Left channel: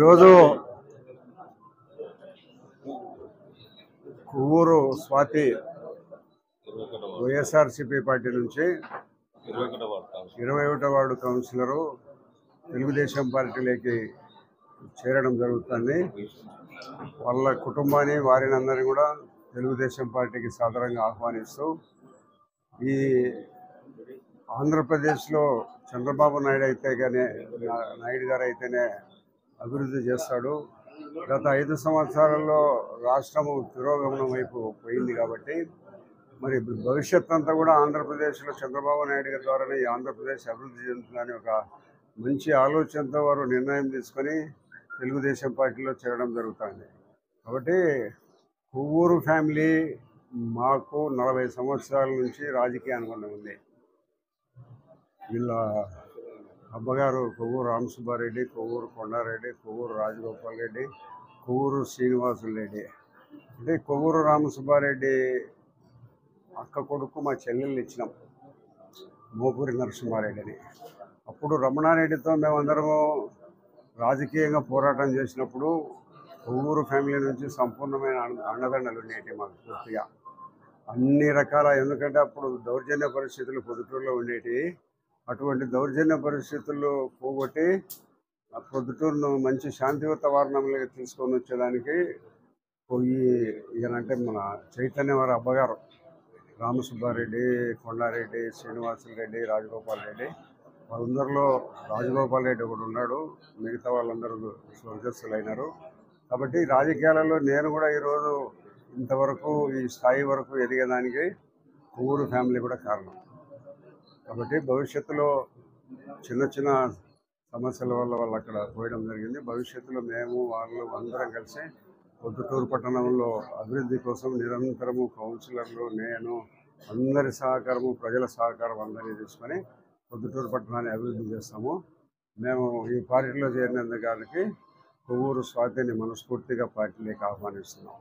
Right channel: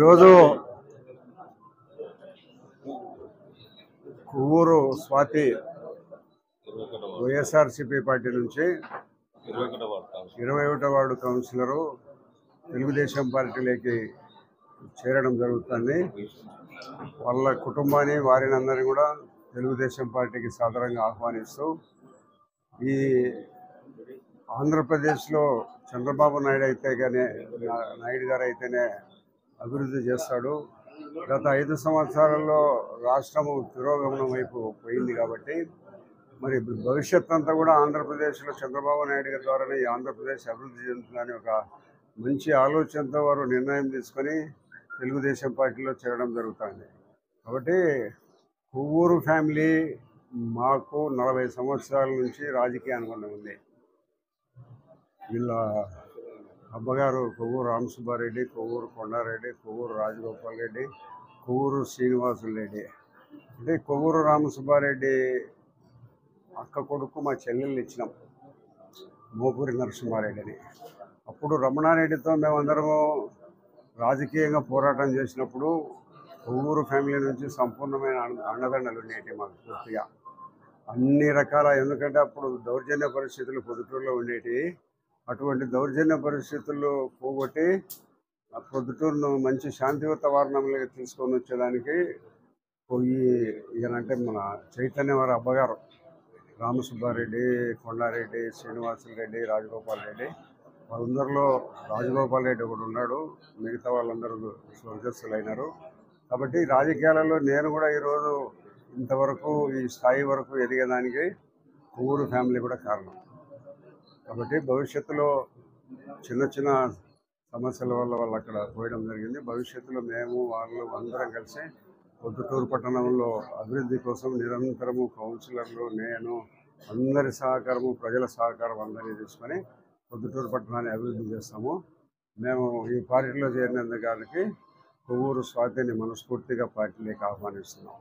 ఈరోజు కొవ్వూరు స్వాతి వైఎస్ఆర్సీపీ పార్టీ నుంచి 21వ వార్డు కౌన్సిలరు తెలుగుదేశం పార్టీలోకి చేరడం జరుగుతుంది. వాళ్ళ కుటుంబాన్ని వారిని అందరినీ కూడా తెలుగుదేశం పార్టీకి సాదరంగా ఆహ్వానిస్తూ ఈ ఆంధ్రప్రదేశ్లో చంద్రబాబు నాయుడు గారు అయితేనే అభివృద్ధి చేస్తాడు. గత 5 సంవత్సరాల్లో రాష్ట్రము తిరోగమనం వైపు పోయింది కాబట్టి మరి భవిష్యత్ అంతా కూడా ఆంధ్రప్రదేశ్లో చంద్రబాబు నాయుడు గారి ద్వారానే ఈ ఆంధ్రప్రదేశ్ అభివృద్ధి చెందుతుందని ఒక మంచి ఆలోచనతో వారు నిర్ణయం తీసుకొని తెలుగుదేశం పార్టీలో చేరడం జరుగుతుంది. కాబట్టి కొవ్వూరు ఫ్యామిలీ మాకు 40 సంవత్సరాల నుంచి రాజకీయ అనుబంధం ఉంది. వీళ్ళ అబ్బగారు కొవ్వూరు రామసుబ్బారెడ్డి, కొవ్వూరు కొండారెడ్డి, కొవ్వూరు రాజగోపాల్ రెడ్డి, కొవ్వూరు శ్రీనివాసులు రెడ్డి. అంటే కొవ్వూరు రామసుబ్బారెడ్డి అక్క కొడుకు మా చెల్లెళ్ళు ఇచ్చినాం, మోపూరి నరసింహారెడ్డిని. అప్పుడు రమణారెడ్డితో మేమందరము రాజకీయంగా పోరాటం చేసినప్పుడు కొవ్వూరు ఫ్యామిలీ నుంచి సంపూర్ణమైన అండదండలు ఉండేవి మాకు పూర్తిగా అన్ని రకాల. ఎందుకంటే అప్పుడు దౌర్జన్య పరిస్థితులు పొద్దుటూరులో ఉండేవి. అటువంటి దౌర్జన్య పరిస్థితుల్లో పోగొట్టి ఆ పొద్దుటూరును మంచి శాంతి వాతావరణంలోకి తీసుకొని వచ్చేదానికి ఈయనంటే మన చైతన్య వారి అబ్బగారు రామసుబ్బారెడ్డి, కొండారెడ్డి, శ్రీనివాసులు రెడ్డి, రాజగోపాల్ రెడ్డి, వాళ్ళందరిలో రాజగోపాల్ రెడ్డి ఒకడు ఉన్నాడు. మిగతా వాళ్ళందరూ స్వర్గస్థులు అయినారు. కాబట్టి రాజకీయాలలో నేను కూడా ఈరోజు ఇంతవరకు ఈ స్థాయి వరకు ఎదిగేదానికి కొవ్వూరు ఫ్యామిలీ కూడా కారణం. కాబట్టి భవిష్యత్తులో చిన్న చిన్న సమస్యల వల్ల వాళ్ళు అక్కడ పోయడం జరిగింది. భవిష్యత్తులో మేము వాళ్ళు అందరం కలిసి పొద్దుటూరు పట్టణంలో అభివృద్ధి కోసం నిరంతరము కౌన్సిలర్లు, నేను అందరి సహకారము, ప్రజల సహకారం అందరినీ తీసుకొని పొద్దుటూరు పట్టణాన్ని అభివృద్ధి చేస్తాము. మేము ఈ పార్టీలో చేరినందుకు కొవ్వూరు స్వాతిని మనస్ఫూర్తిగా పార్టీలోకి ఆహ్వానిస్తున్నాం.